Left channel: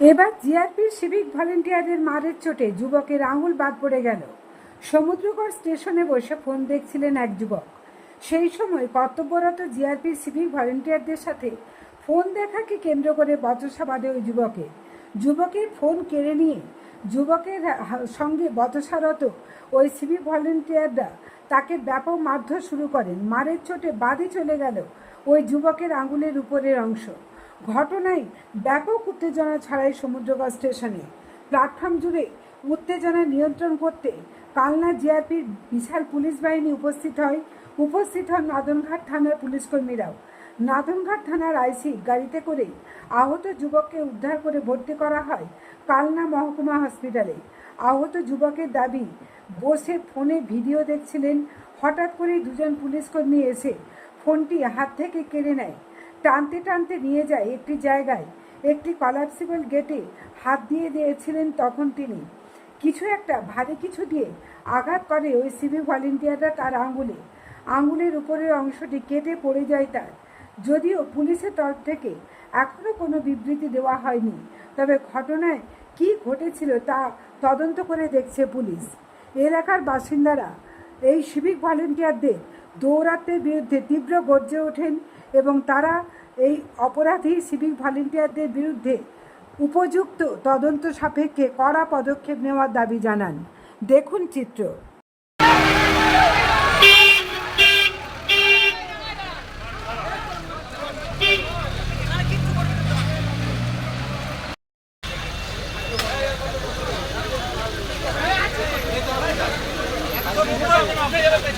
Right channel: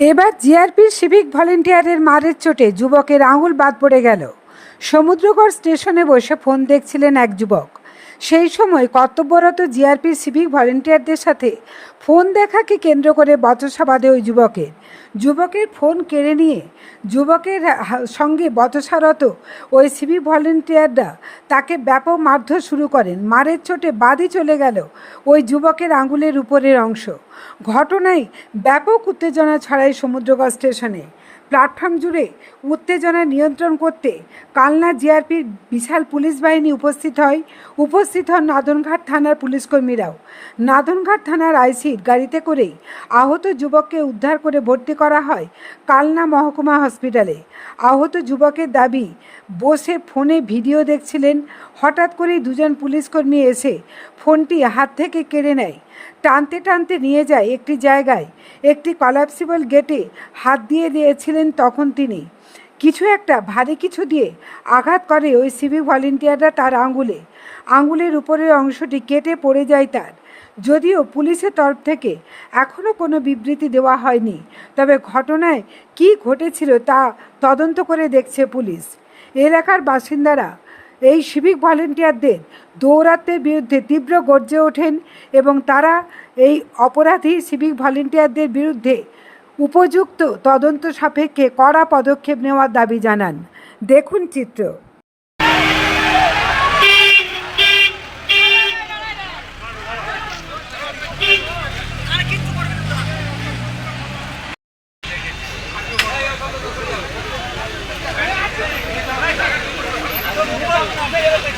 এবার জিআরপির সিভিক ভলেন্টিয়ারের মারের চোটে যুবকের আঙুল বাদ পড়ে গেল। সমুদ্রগড় স্টেশনে বসে ফোন দেখছিলেন এক যুবক। সেই সময় কর্তব্যরত জিআরপির সিভিক ভলেন্টিয়ারদের সাথে ফোন দেখাকে কেন্দ্র করে বচসা বাঁধে ওই যুবকের। যুবকের ফোন কেড়ে নিয়ে যুবকের সঙ্গে বচসারত ওই সিভিক ভলেন্টিয়াররা তাকে ব্যাপক মারধর শুরু করেন। মারের চোটে বাদই চলে গেল ওই যুবকের আঙুলের উপরের অংশ। ঘটনায় ব্যাপক উত্তেজনা ছড়ায় সমুদ্রগড় স্টেশনে। প্ল্যাটফর্ম জুড়ে উত্তেজনা নিয়ন্ত্রণ করতে কালনা জিআরপির বিশাল পুলিশ বাহিনী উপস্থিত হয়। উপস্থিত হন নাদনঘাট থানার পুলিশকর্মীরাও নাদনঘাট থানার আইসির গাড়িতে করেই আহত যুবককে উদ্ধার করে ভর্তি করা হয় কালনা মহকুমা হসপিটালে। আহত যুবকের দাবি, বসে ফোনে ভিডিও দেখছিলেন, হঠাৎ করেই দুজন পুলিশকর্মী এসে ফোনটি হাত থেকে কেড়ে নেয়। টানতে টানতে নিয়ে যায় একটি জায়গায়। একটি কলাপসিবল গেটে হাত দিয়ে দিয়েছিলেন তখন তিনি। কিছু একটা, ভারী কিছু দিয়ে আঘাত করে ওই সিভিক ভলেন্টিয়াররা তার আঙ্গুলে আঙ্গুলের উপরের অংশটি কেটে পড়ে যায় তার। যদিও পুলিশের তরফ থেকে এখনও কোনো বিবৃতি দেওয়া হয়নি, তবে ঘটনায় কী ঘটেছিল তা তদন্ত করে দেখছে পুলিশ। এলাকার বাসিন্দারা এই সিভিক ভলেন্টিয়ারদের দৌরাত্মের বিরুদ্ধে তীব্র গর্জে ওঠেন এবং তারা এই অপরাধী সিভিক ভলেন্টিয়ারদের বিরুদ্ধে উপযুক্ত তদন্ত সাপেক্ষে কড়া পদক্ষেপ নেওয়ার দাবি জানান। দেখুন চিত্র। এটা তো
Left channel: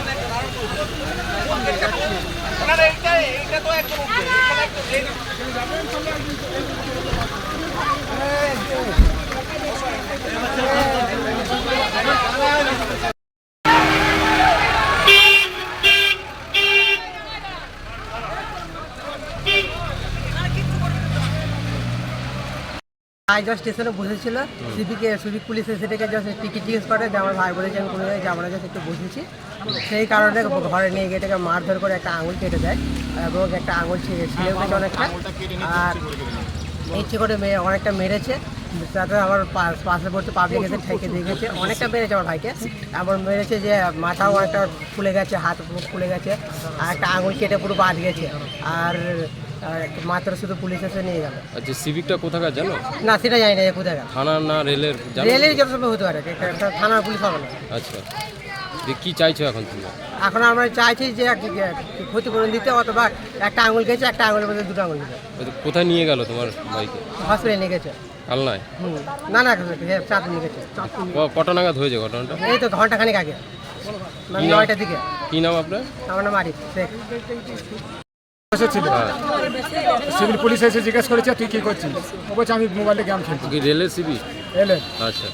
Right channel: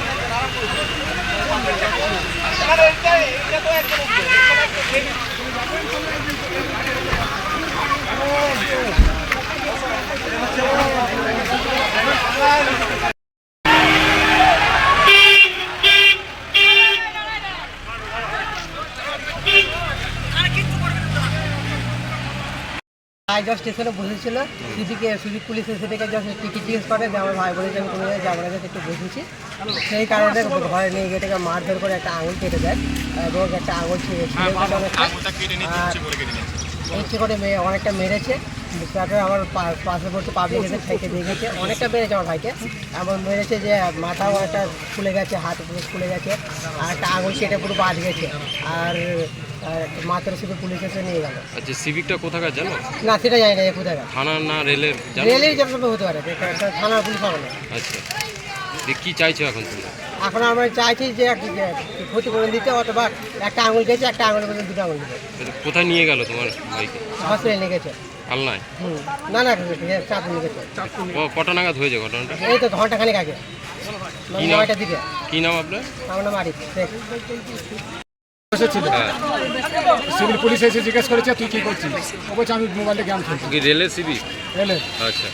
আইজা স্টেশনে বসেছিল। সিভিকে সিভিক পুলিশ থেকে জাস্ট টিকিট জিজ্ঞেস করে যে আমার ভাই বলেছে আমি কোনো জায়গায় যাব না একটু বসেছি। সেই কারণে ঘরে নিয়ে গিয়ে থেকে মারধর করে একটা আঙুল কেটে দেয় এবং একটা আঙুল ছিঁড়ে আর ইচ্ছে করে মেয়ে অনেকটা মেরেছে। তারপরে আমার পড়তে পাবলিক এসে ঠেকে দিয়ে গেছে অনেকটা মেরেছে আমার ভাইকে। এমন মেরেছে যে মাথাও একটা ফুলে গেছে হাত ফুলে গেছে আর একটা আঙুল কেটে পুরো বাদ গেছে। আর আর মাত্র শুধু পুলিশ এসে নিয়ে গেল। আচ্ছা সিভিকটা কোথাকার জানো? না সেটা জানি না কোথায় থানা না রেলের? জানো? রেলের জব সব হতে পারে পুলিশ না। আচ্ছা। যে কি চাইছো এখন তোমরা এখন আমরা চাইছি যে একটা যে ক্ষতিপূরণ দিতে অথবা একটা আঙুল গেছে একটা আঙুলের মধ্যে দুটো আঙুল দিতে কোথায় নিয়ে গেল তোমার বাইকে? হসপিটালে নিয়ে গেছে। না না নিয়ে গেছে। ক- কটা নাগাদ হয়েছে ঘটনাটা? এই তো ঘণ্টা খানিক আগে। মানে? নয়টার দিকে। কি নাম আপনার? আমার নাম আরিফ হ্যাঁ সিভিল পুলিশ এসে জিজ্ঞেস করেছে তুই কি করছিস? ও বলছে আমি মোবাইলে গেম খেলছি। কি রেলের সিভিক এলে আচ্ছা।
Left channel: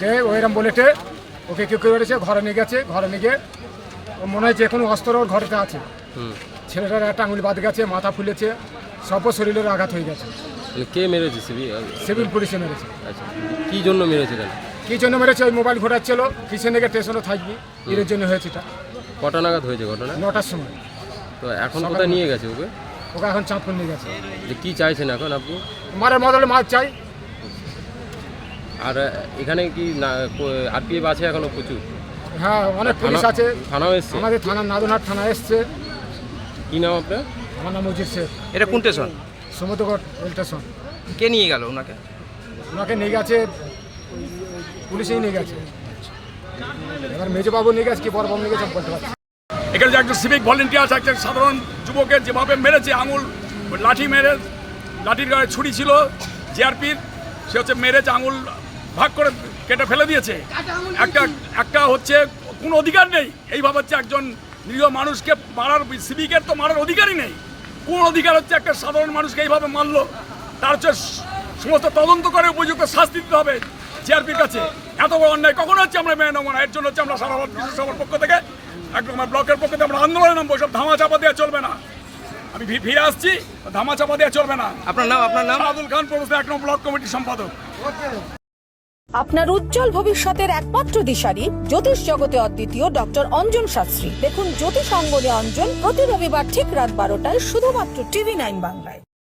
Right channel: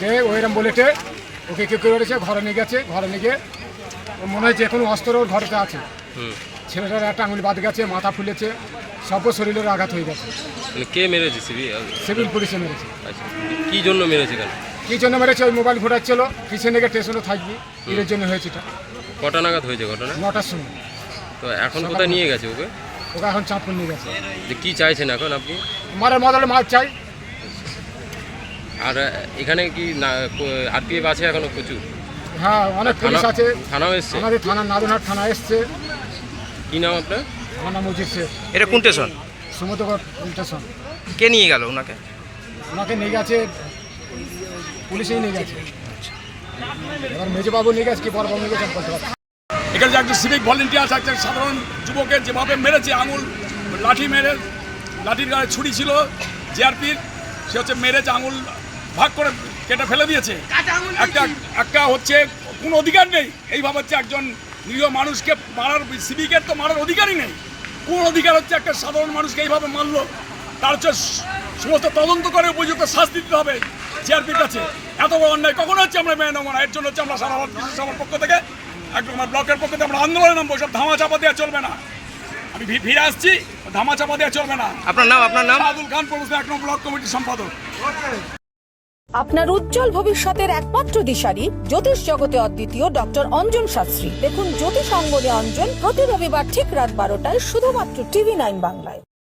দে ওইরকম বলেটে ওকে কেউ কেউ করেছে? ঘরে নিয়ে গেছে ঘরে নিয়ে গিয়ে ও মনে হয় যে কোনো অস্ত্র ওর ঘরেতে আছে। ছেলেটার একটা আঙুল বাদ গেছে মাথা ফুলেছে সব শরীরের আঘাত হয়ে গেছে। কে মেরেছে সিভি সিভিল পুলিশে মেরেছে। আচ্ছা। কি জন্য মেরেছে কেন কি জন্য মেরেছে? ওই মোবাইল ঘোরাচ্ছিল পিছনে গিয়ে স্টেশনে থাকবি? এর জন্য হয়েছে এটা? কটা নাগাদ হয়েছে ঘটনা? নটার সময়। তো এখন কোথায় নিয়ে গেছে ওকে? ওকে এখন চাঁদপুর নিয়ে গেছে। যে কি চাইছেন এখন আপনি? মারের মদলে মাছ চাই। আর এখানে কি আরপিএফ আছে এখনও প্রচুর? হ্যাঁ অনেক পুলিশ আছে। থানাও এসছে? আমাদের থানা নাদনহাট থানা এসছে। কি নাম আপনার? আমার নাম মজিদ শেখ। এটা কোন স্টেশন? Samudragarh rail station. কে নিয়ে গেল ওনাকে? ওনাকে নিয়ে গেছে পুলিশেই নিয়ে গেছে। এবার মেজবাবু নিয়ে গেছে কি বড়বাবু নিয়ে গেছে বলতে পারছি। এখানে যে একজন সিভিক ভলেন্টিয়ার একজন সাধারণ যুবকের যেভাবে মেরেছে আঙুল লাঠি মেরে লাঠির গায়ে ছুরি ছিল জিআরপির সে হচ্ছে মেরেছে আঙুল ভাগ করে কেটে ফেলে দিয়েছে। একটা একটা হচ্ছে কোনো অধিকার নেই। এইভাবে হচ্ছে একজন নিরীহ মানুষকে মারার সিভিকের তো মারার অধিকারই নেই। কোন অধিকার হচ্ছে একটা সাধারণ মানুষকে এইভাবে মারলো? তার হচ্ছে সমস্ত তদন্ত করে উপযুক্ত শাস্তি দিতে হবে জিআরপির কাছে। এত বড় অন্যায় কখনো হচ্ছে আমরা মেনে নেব না। এর জন্য হচ্ছে আমরা সারা ভারত কৃষক সভার পক্ষ থেকে একদম আমার ব্লকের পক্ষে আমরা আন্দোলনে নামবো সব ধামা চাপা দেওয়া চলবে না। আমি ভি- ফিরে আসছি ধামা চাপা দেওয়া চলবে না। আপনার নাম আপনার নাম? আব্দুল খান প্রবেশ এক নম্বর ব্লক কমিটির সম্পাদক। আপনার উজ্জ্বল ভবিষ্যতের একমাত্র দিশারি জ্যোতিষ জগতে অদ্বিতীয় ডক্টর অঞ্জন শাস্ত্রী। দেখুন জ্যোতিষ অঙ্গনে অঞ্জন প্রতি রবিবার ঠিক রাত বারোটায় শুধুমাত্র টিভি নাইন বাংলায়।